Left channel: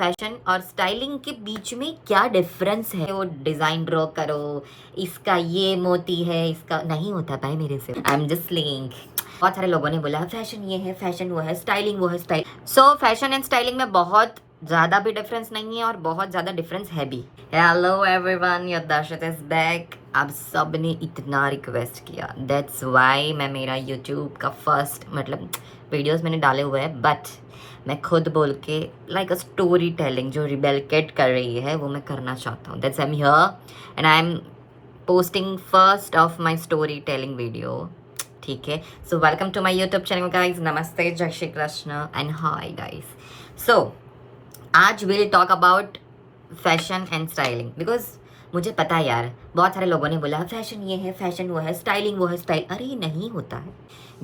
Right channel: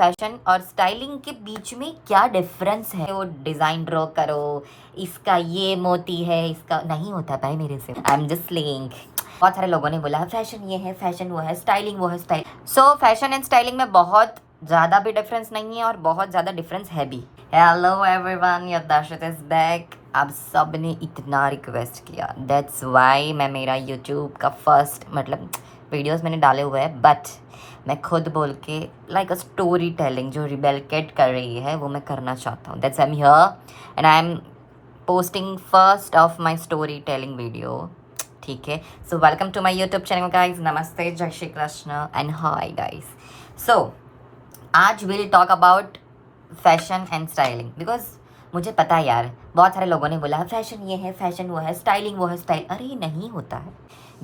Fashion और styling के बीच में क्या डिफरेंस है। वो डिज़ाइन ड्रॉ करो, इसका ये मोती है, इसका नहीं होता भाई मेरे से। I am just slaying. बहुत सारे लोगों ने बोला फैशन ये है, फैशन वो है, स्टाइलिंग वो है, style. So fashion and styling में बहुत ज़्यादा भी डिफरेंस नहीं है और बहुत ज़्यादा डिफरेंस है भी। Hello everyone, your Darshat is back. आप सब ने इतना रिक्वेस्ट किया, दैट्स वाई मैं मेरा यूट्यूब का फर्स्ट वीडियोस मैंने डाले हुए हैं, बट मैं खुद बोल के लाइक अ स्टोरी टेलिंग जो रिबेल किड कर रही है वो मैं करना चाहता हूँ। That's I am here and I am posting first of my story telling video. ठीक है, so welcome to my YouTube channel guys. नमस्ते, जय Shri Krishna and hi guys. So आज will talk about fashion and styling because मुझे पता है यार, बहुत सारे लोगों ने बोला फैशन ये है, फैशन वो है, स्टाइलिंग वो है, स्टाइल। अरे नहीं होता है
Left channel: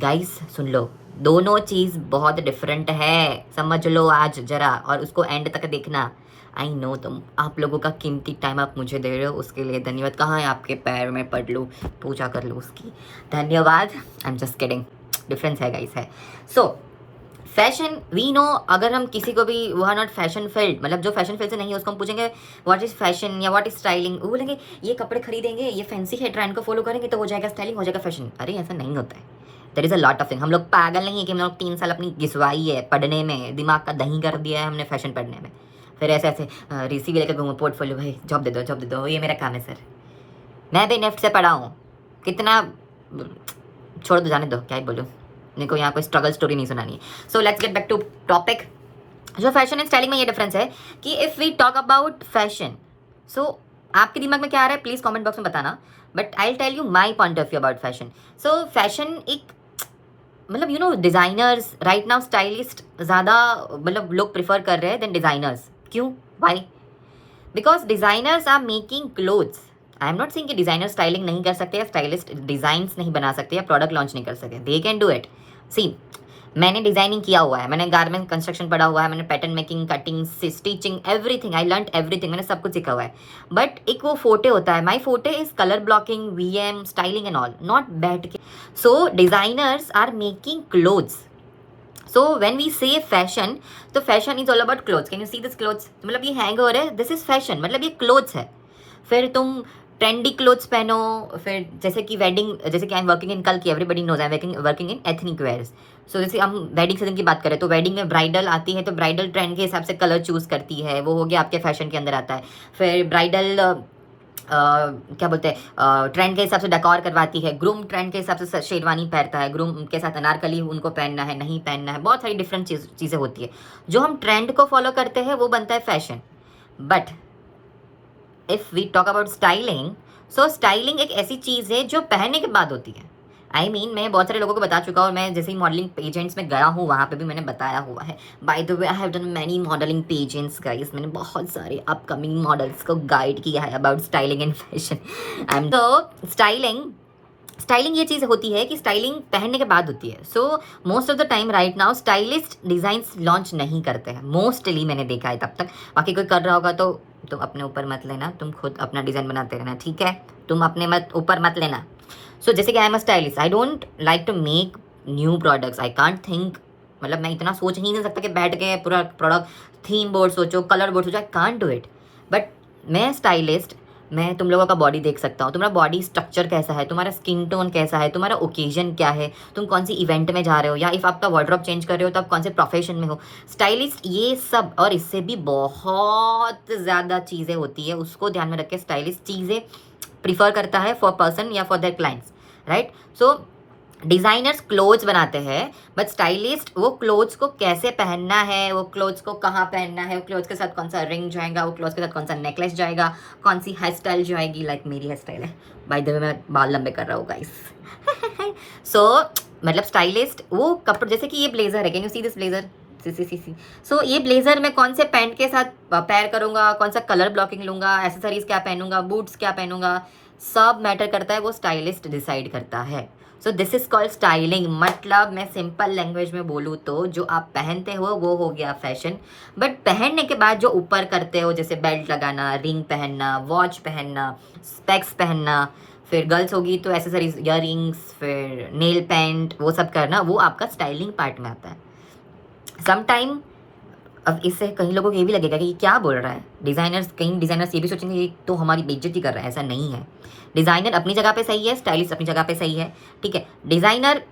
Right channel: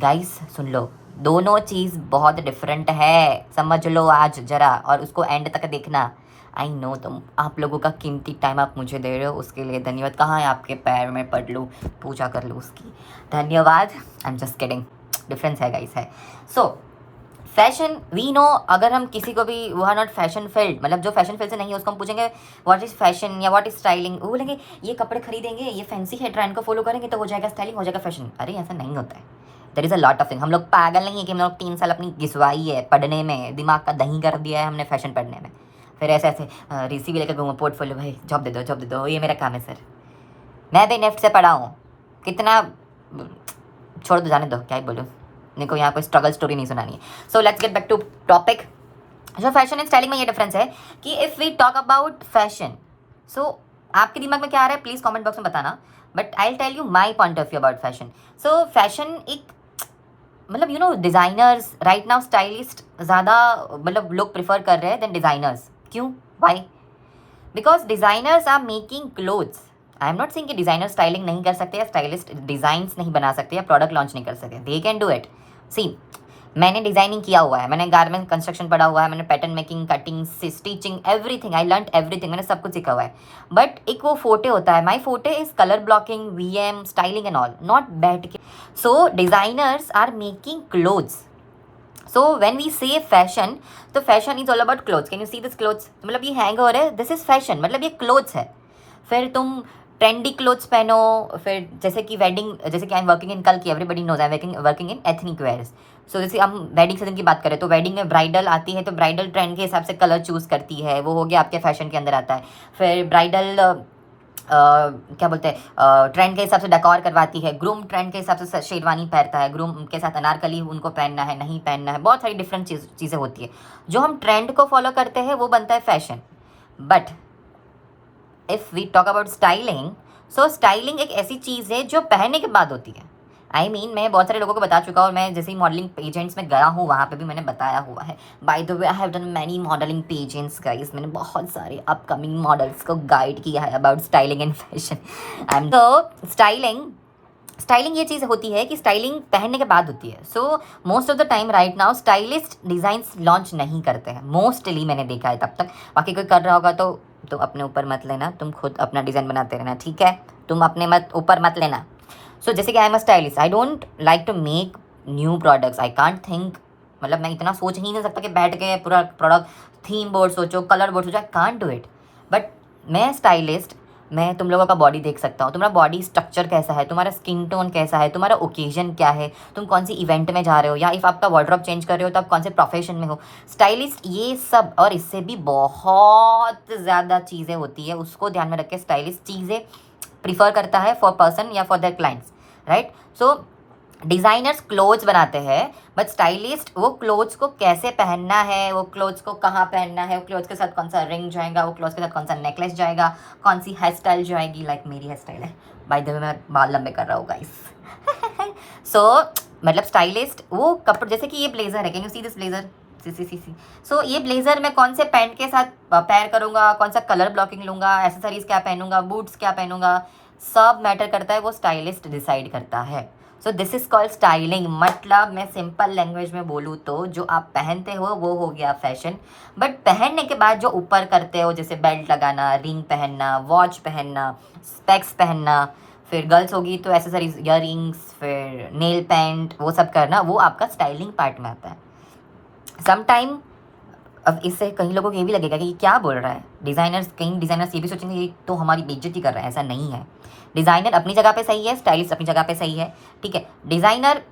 गाइस, सुन लो, दोनों चीज़ बहुत डिफरेंट है, समझ लो आज जरा, और उसको एंड तक देखना। आई नो तुम आप लोगों का कीमती टाइम आप मुझे दे रहे हो, उसके लिए धन्यवाद। कहाँ है आपके पैर में पढ़ लूँ, पूजा कर लूँ उसकी, धन्यवाद। I am just kidding, difference है गाइस है। सो फैशन वी नो, अगर हम किसी को भी वो आर नॉट फैशन फील्ड, जो फैशन फील्ड से नहीं है उसको हम पूछेंगे व्हाट इज फैशन या व्हाट इज स्टाइलिंग, वो बोलेंगे ये कपड़े खरीदेंगे, ये फैंसी है, ट्रेंड को फॉलो करेंगे तो हो जाएगा स्टाइलिंग, हो जाएगा फैशन। अरे ऐसा नहीं होता है, there is a lot of thing. हम लोग पागल नहीं है कि हम लोग 3 साल अपनी घिसवाई है पढ़ने में, दिमाग का दही कर दिया है हमने फैशन पढ़ने में, फिर ऐसे ऐसे रिसी भी लेकर घूमो पोर्टफोलियो, भाई जॉब दे दो, जॉब दे दो, ये मेरा काम है सर। मैं भी नेफ्ट से पढ़ा हूँ, कितना छोड़ दो, जाने दो, क्या ही बोलूँ, मेरे को यहाँ कोई स्ट्रगल स्टोरी नहीं सुनानी है। So let's get back to topic. जो फैशन एंड स्टाइलिंग में ये डिफरेंस है कि if we talk about fashion, so आपके दिमाग में क्या आ रहा है प्लीज़ कमेंट बॉक्स में बताना, but I will tell you my point of view about fashion. So fashion एक you know designers right now, stylist ज़्यादा लोग प्रिफर कर रहे हैं देन डिज़ाइनर्स। क्यों, why? Because designers are making clothes. I am not saying कि designer styling नहीं कर सकते या स्टाइलिस्ट डिज़ाइंस नहीं बना सकते या प्रोडक्ट लॉन्च नहीं कर सकते, दे कैन डू इट। सी, मैंने डिज़ाइनिंग किया हुआ है, मैंने गारमेंट कंस्ट्रक्शन पढ़ा हुआ है, मैंने pattern making, cutting, stitching, everything, I learn everything, मैंने सब कुछ सीखा हुआ है। बट एक वो फोटे होता है, my forte is colour blocking, VM, styling and all, not बैठ के। So designers are making clothes. So when we say fashion, तो fashion is all about clothes. Can you see this clothes, ये hangover है, this is fashion, ये clothes है। फिर तुम trendy clothes पहनो, फिर जैसे कि वेडिंग, जैसे कि आई एम वर्किंग इन, कल की everybody knows I am working in ethnic wears. So जैसे हम वेडिंग सीजन की बात करें तो वेडिंग में ब्राइडल आती है, तो ब्राइडल ट्रेंड के हिसाब से कलर चूज़ करती है, वो हो गया आपके फैशन के अंदर आता है। फिर ब्राइडल क्या बोलते हैं, ट्रेंड के हिसाब से डेकोर करवाती है। ग्रूम ट्रेंड के हिसाब से शेरवानी पहनता है, ग्रूम के साथ अनारकली उनको पहनना है, नहीं पहनना है, बहुत सारी डिफरेंट चीज़ें होती है। जो हम ट्रेंड को फॉलो करते हैं वो बनता है fashion. But if we talk about styling, so styling एक ऐसी चीज़ है जो पहनने के बाद होती है। आई मीन मैं बहुत सारे लोगों को बता चुका हूँ, और मैं जैसे ही मॉडलिंग पेजेंट्स में गया हूँ वहाँ पे भी मैंने बताया हुआ है। By the way I have done many modelling pageants guys, मैंने बहुत सारे अपकमिंग मॉडल्स को गाइड किया है about styling and fashion. I am तो स्टाइलिंग ये चीज़ होती है कि स्टाइलिंग पहनने के बाद होती है। So most of the time right now stylist designs launch नहीं करते हैं, मोस्टली मैंने देखा है तब तक। बाकी कोई कर रहा होगा तो तुम अपने ऊपर मत लेना, तुम खुद अपना डिज़ाइन बनाते रहना, ठीक है, तुम अपने ऊपर मत लेना। सो जैसे कि I am a stylist, I don't like to make new products, I can't think, मैं इतना सोच ही नहीं सकता कि बैठ के पूरा प्रोडक्ट थीम बोर्ड सोचो, कलर बोर्ड सोचो, I can't do it. But मैं स्टाइलिस्ट, मैं तुम लोगों का बॉडी देख सकता हूँ, तुम्हारा बॉडी स्ट्रक्चर कैसा है, तुम्हारा स्किन टोन कैसा है, तुम्हारा ओकेजन क्या है, तुम कौन सी इवेंट में जा रहे हो, या इफ़ आपका वार्डरोब चेंज कर रहे हो तो आप कौन से प्रोफेशन में हो। स्टाइलिस्ट ये सब और इससे भी बहुत ज़्यादा चीज़ें होती है, उसको ध्यान में रख के स्टाइलिस्ट चीज़ें प्रीफर करता है फॉर पर्सन या for their clients, right. So designers clothes बनाते हैं, बट स्टाइलिस्ट वो क्लोथ्स को कैसे पहनना है, वो क्लोथ्स को कहाँ पहनना है, वो क्लोथ्स के साथ कौन सा रिंग जाएगा, वो क्लोथ्स के साथ कौन सा नेकलेस जाएगा, कौन सी हेयर स्टाइल जाएगी, लाइक मेरी हेयर स्टाइल है, बाय द वे मैं बाल लंबे कर रहा हूँ गाइस। सो स्टाइलिस्ट वो कपड़े, जैसे कि ये ब्लेजर है, can you see this blazer, see. So ये ब्लेजर मैं कौन से पैंट के साथ पेयर करूँगा, कौन सा कलर ब्लॉकिंग लूँगा, एसेसरीज क्या पहनूंगा, बूट्स क्या पहनूंगा, सब मैटर करता है, वो स्टाइलिस्ट डिसाइड करता है। So this is called styling. मैं सिंपल लैंग्वेज में बोलूँ तो जो आप पहनते हो वो हो गया फैशन, बट पहनने के बाद जो ऊपर करते हो, जैसे बेल्ट लगाना, रिंग पहनना, वॉच पहनना, स्पेक्स पहनना, फिर गर्ल्स होगी तो एसेसरीज, ईयररिंग्स, फिर नेल पेंट, वो सब करना, वो आपका स्टाइलिंग पार्ट में आता है। समटाइम अब इससे कई लोगों को ये भी लगेगा कि ये क्या बोल रहा है डिज़ाइनर्स, कई डिज़ाइनर्स ये भी सोचेंगे ये तो हमारी बेइज्जती कर रहा है। ऐसा नहीं है, डिज़ाइनर अपनी जगह पे सही है, स्टाइलिस्ट अपनी जगह पे सही है, ठीक है। डिज़ाइनर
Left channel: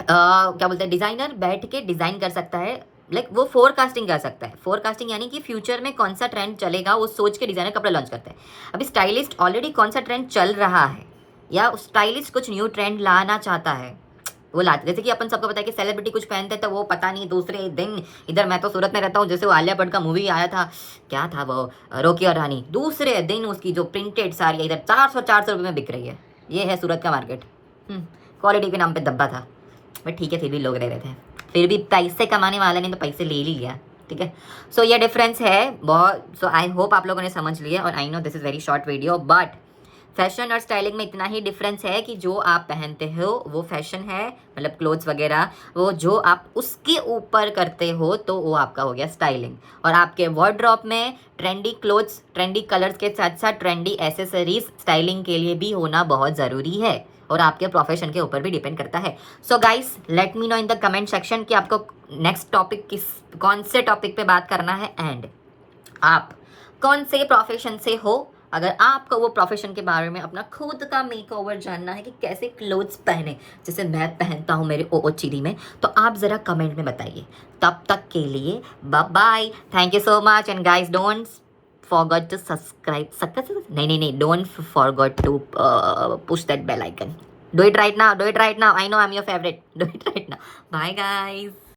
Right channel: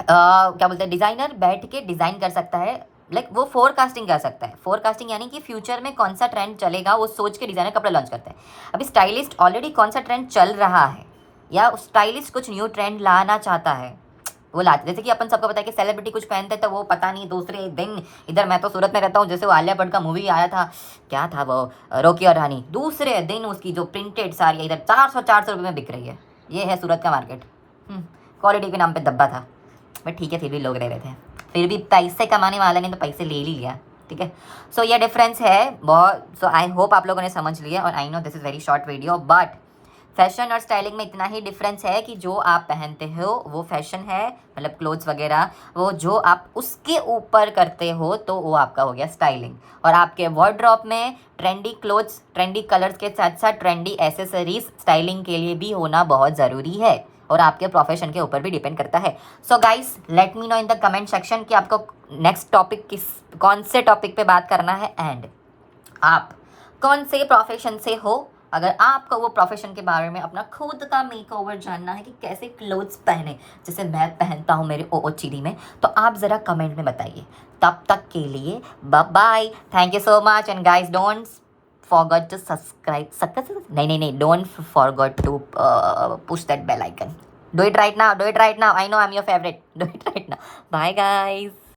क्या बोलते हैं, डिज़ाइनर बैठ के डिज़ाइन कर सकता है, लाइक वो फोरकास्टिंग कर सकता है। फोरकास्टिंग यानी कि फ्यूचर में कौन सा ट्रेंड चलेगा वो सोच के डिज़ाइनर कपड़ा लॉन्च करता है। अभी स्टाइलिस्ट ऑलरेडी कौन सा ट्रेंड चल रहा है या स्टाइलिस्ट कुछ न्यू ट्रेंड लाना चाहता है वो लाते। जैसे कि अपन सबको पता है कि सेलिब्रिटी कुछ पहनते हैं तो वो पता नहीं दूसरे दिन, इधर मैं तो सूरत में रहता हूँ, जैसे वो आलिया भट्ट का मूवी आया था, क्या था वो, रोकी और रानी, दूसरे दिन उसकी जो प्रिंटेड साड़ी इधर 400 रुपये में बिक रही है। ये है सूरत का मार्केट। क्वालिटी के नाम पे दब्बा था, बट ठीक है फिर भी लोग रह रहे थे, फिर भी पैसे कमाने वाले ने तो पैसे ले ही लिया, ठीक है। सो ये डिफरेंस है बहुत। सो आई होप आप लोगों ने समझ लिया, और I know this is very short video, but fashion और स्टाइलिंग में इतना ही डिफरेंस है कि जो आप पहनते हो वो फैशन है, मतलब क्लोथ्स वगैरह, वो जो आप उसके ऊपर करते हो तो वो आपका हो गया स्टाइलिंग। और आपके वार्डरोब में ट्रेंडी क्लोथ्स, ट्रेंडी कलर्स के साथ साथ ट्रेंडी एसेसरीज स्टाइलिंग के लिए भी होना बहुत ज़रूरी है, और आपके प्रोफेशन के ऊपर भी डिपेंड करता है। So guys let me know in the comment section कि आपको नेक्स्ट टॉपिक कौन से टॉपिक पे बात करना है, एंड आप कौन से प्रोफेशन से हो। अगर आपको वो प्रोफेशन के बारे में अपना खुद का मेकओवर जानना है कि कैसे क्लोथ्स पहने जैसे मैं पहनता हूँ मेरे ओओचीडी में, तो आप ज़रा कमेंट में बताइए। तब तक के लिए bye bye, thank you so much, and guys don't forgot to subscribe. नहीं, don't forget to push that bell icon. Do it right now. I know I'm your favorite. Do it right now. Bye guys.